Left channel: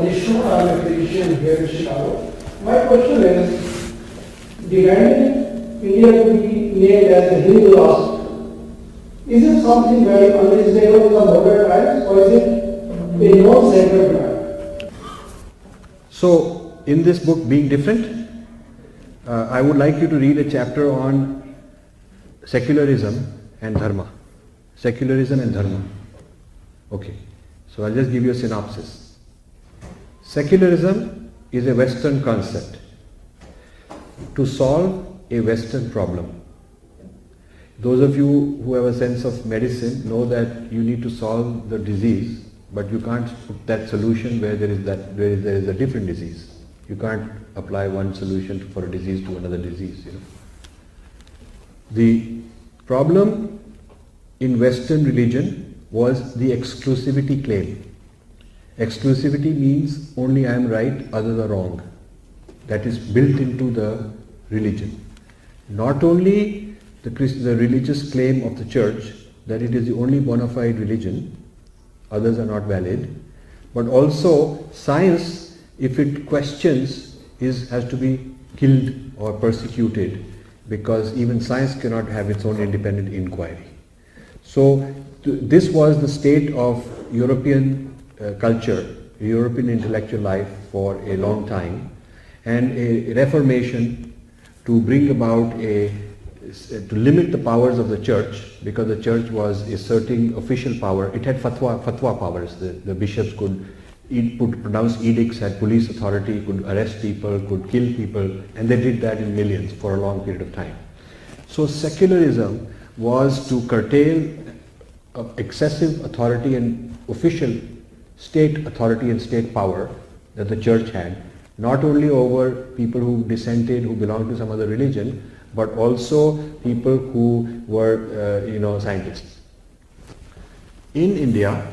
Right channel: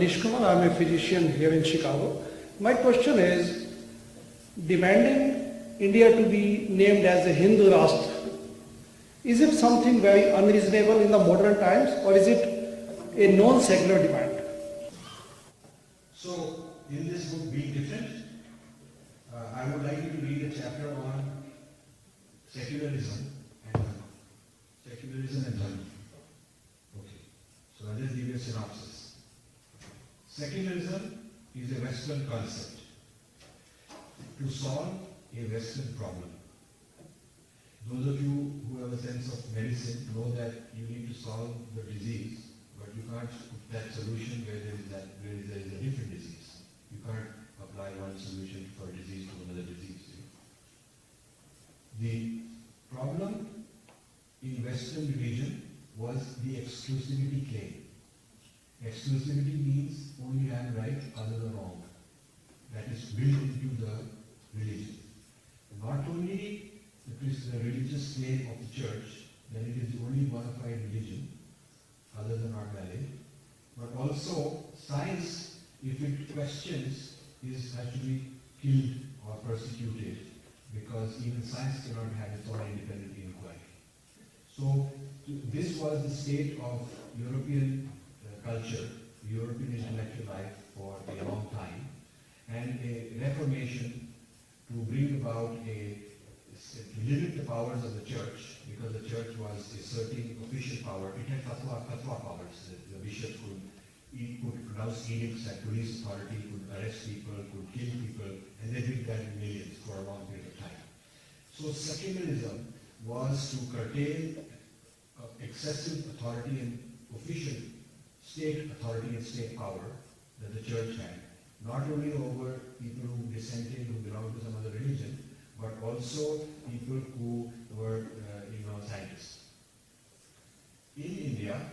Nishkumar. I'm a physician here in Chicago. My question is, demanding India to be named as a Hindu last, is it something very unreasonable in the modern times, or is it a non-sacred demand? So, in this book, Being Different, I would like you to read a chapter on secularism and dharma. Secularism and dharma. Okay, so I'll just give you a synopsis. Secularism is a Western concept to solve a Western problem. Those of you who have a sense of medicine know that you need to solve the disease, but you can't put that solution where there is a different disease. You can't apply one solution for a disease to another disease. The problem in Western religion was the exclusivity claim. Exclusivity means only I am right, others are wrong. That is built into the religion. Not only the religious claim of the church that it is the only bona fide religion, others are not valid, but also science, if it questions, has to be killed or persecuted, because even science cannot have its own independent inquiry. So this was the state of European culture, European intellectual life for a long time, and a reformation to bring about to limit the powers of the church, because the church was asserting official power. It had fatwa powers. The bishops could pronounce edicts, had police authority, could arrest people, could kill people, and they did that in millions for a long period of time. So secularism was to curtail excessive authority and official state authority and state power that the church had, not only over people who dissented, who belonged to some other religion, but also people who were, scientists. In India,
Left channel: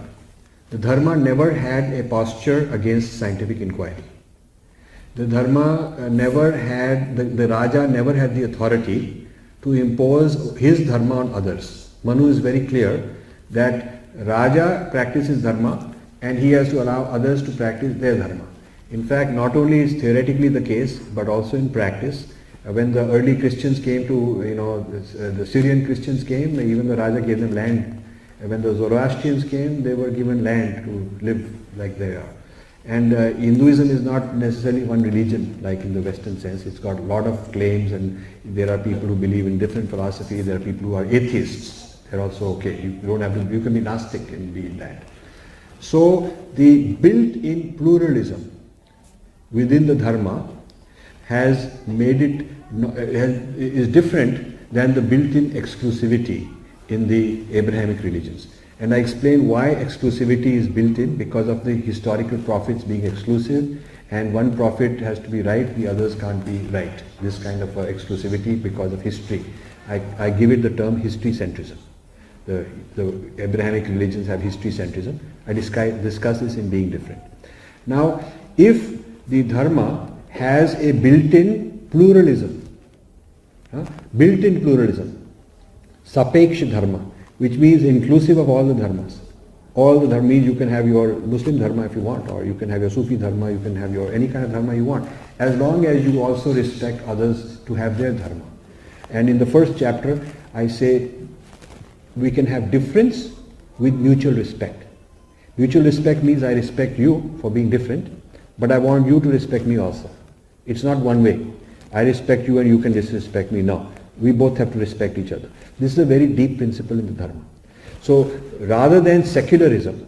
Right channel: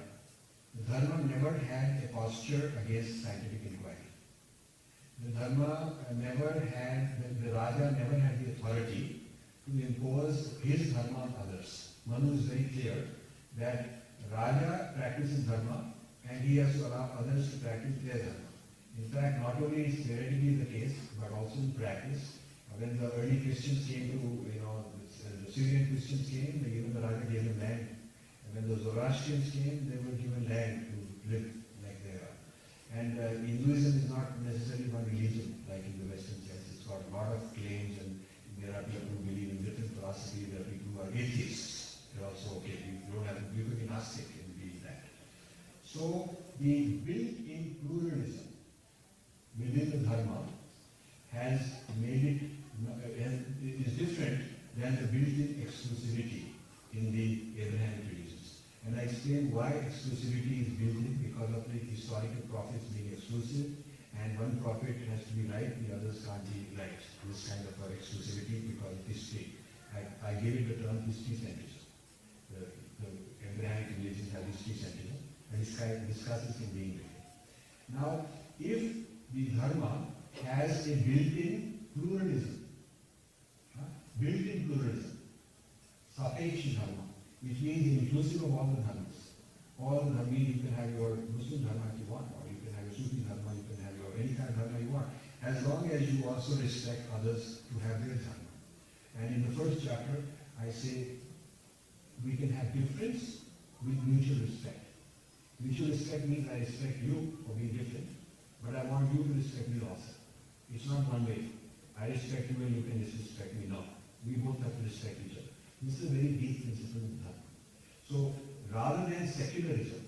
the Dharma never had a posture against scientific inquiry. The Dharma never had, the Raja never had the authority to impose his Dharma on others. Manu is very clear that Raja practices Dharma and he has to allow others to practice their Dharma. In fact, not only is theoretically the case, but also in practice. When the early Christians came to, the Syrian Christians came, even the Raja gave them land. When the Zoroastrians came, they were given land to live like they are. And Hinduism is not necessarily one religion like in the Western sense. It's got a lot of claims, and there are people who believe in different philosophy. There are people who are atheists. They're also okay. You don't have to. You can be Gnostic and be that. So the built-in pluralism within the Dharma has made it is different than the built-in exclusivity in the Abrahamic religions. And I explain why exclusivity is built in, because of the historical prophets being exclusive, and one prophet has to be right, the others can't be right. This kind of exclusivity because of history. I give it the term history centrism. The Abrahamic religions have history centrism. I discuss this in Being Different. Now, if the Dharma has a built-in pluralism, Sapeksha Dharma, which means inclusive of all the dharmas. All the dharma means you can have your Muslim dharma if you want, or you can have your Sufi dharma, you can have your any kind of dharma you want, as long as you also respect others to have their dharma. And in the first chapter, I say we can have difference with mutual respect. Mutual respect means I respect you for being different, but I want you to respect me also. It's not one way. I respect you and you can disrespect me. No. We both have to respect each other. This is a very deep principle in the Dharma. So rather than secularism,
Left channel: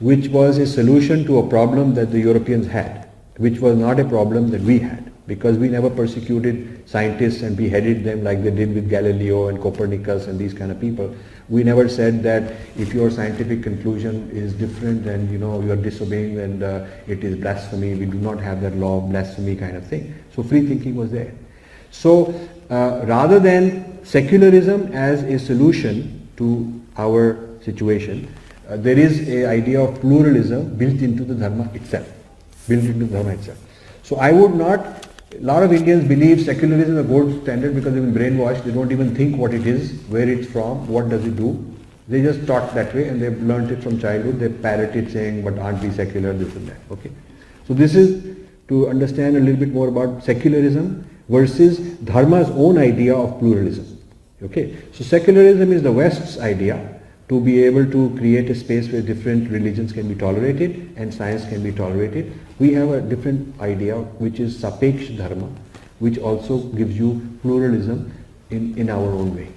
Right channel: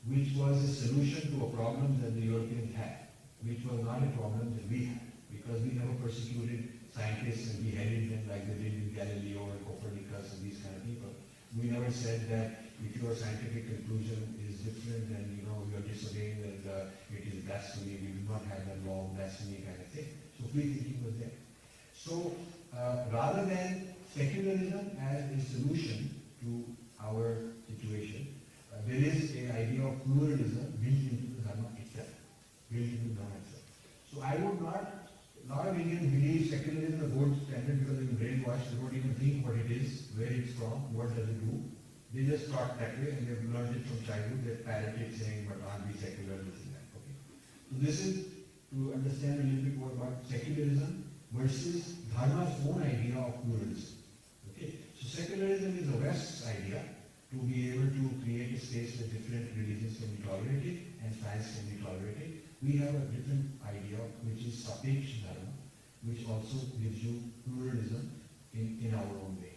which was a solution to a problem that the Europeans had, which was not a problem that we had, because we never persecuted scientists and beheaded them like they did with Galileo and Copernicus and these kind of people. We never said that if your scientific conclusion is different and you are disobeying and it is blasphemy. We do not have that law of blasphemy kind of thing. So free thinking was there. So rather than secularism as a solution to our situation, there is an idea of pluralism built into the Dharma itself. So I would not, a lot of Indians believe secularism is a gold standard because they've been brainwashed. They don't even think what it is, where it's from, what does it do. They just taught that way and they've learnt it from childhood. They parrot it saying, but aren't we secular, this and that. Okay. So this is to understand a little bit more about secularism versus Dharma's own idea of pluralism. Okay, so secularism is the West's idea to be able to create a space where different religions can be tolerated and science can be tolerated. We have a different idea which is Sapeksh Dharma, which also gives you pluralism in our own way.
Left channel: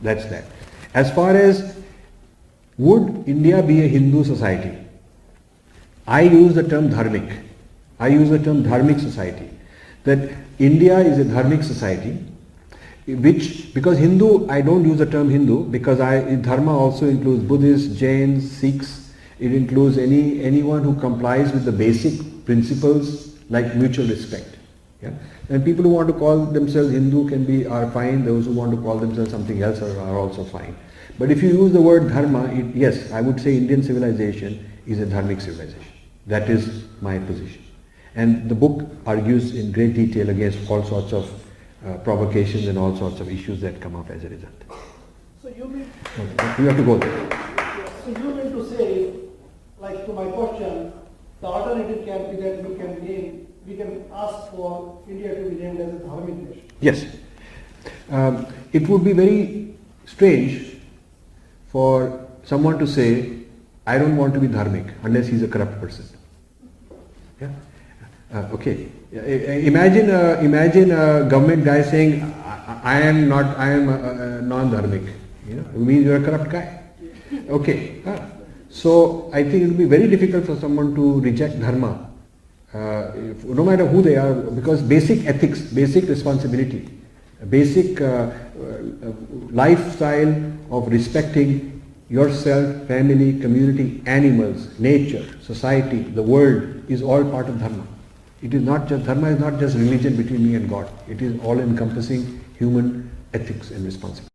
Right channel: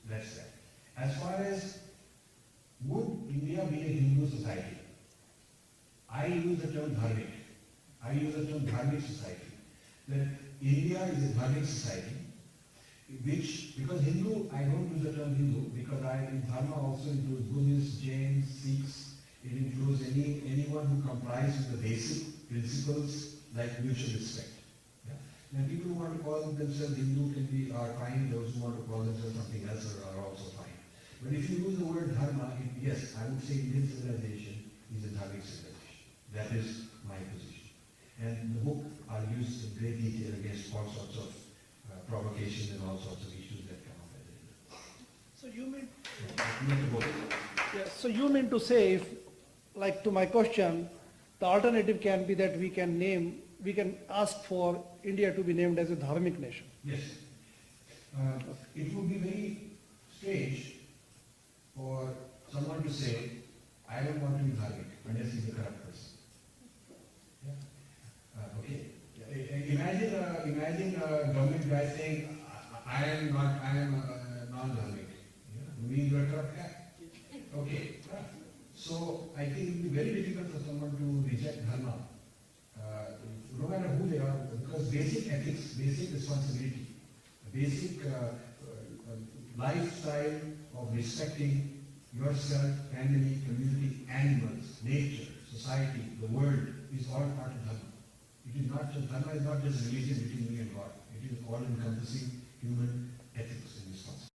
That's that. As far as would India be a Hindu society, I use the term dharmic. I use the term dharmic society. That India is a dharmic society, which, because Hindu, I don't use the term Hindu because Dharma also includes Buddhists, Jains, Sikhs. It includes anyone who complies with the basic principles like mutual respect. Yeah? And people who want to call themselves Hindu are fine. Those who want to call themselves something else are also fine. But if you use the word Dharma, yes, I would say Indian civilization is a dharmic civilization. That is my position. And the book argues in great detail against all sorts of provocations and all sorts of issues that come up as a result. So you mean, You have to go there. yes, so you mean to say, if, like to my question, the alternative can be that we can ask for India to be named as a dharmic nation. Yes. It would be very strange for someone to say, I don't want to be dharmic unless he's a corrupt person. Yeah? Okay. Imagine a government guy saying, I am non-dharmic. You know, it means you're a corrupt guy. Okay. So I think it will be very difficult for someone to reject dharma, no matter who they are, because basic ethics, basic responsibility, basic lifestyle of respecting yourself, family, community, animals, nature, society, the world is all part of dharma. It is not just, dharma is not just religion between me and God. It is all encompassing human ethics and responsibility.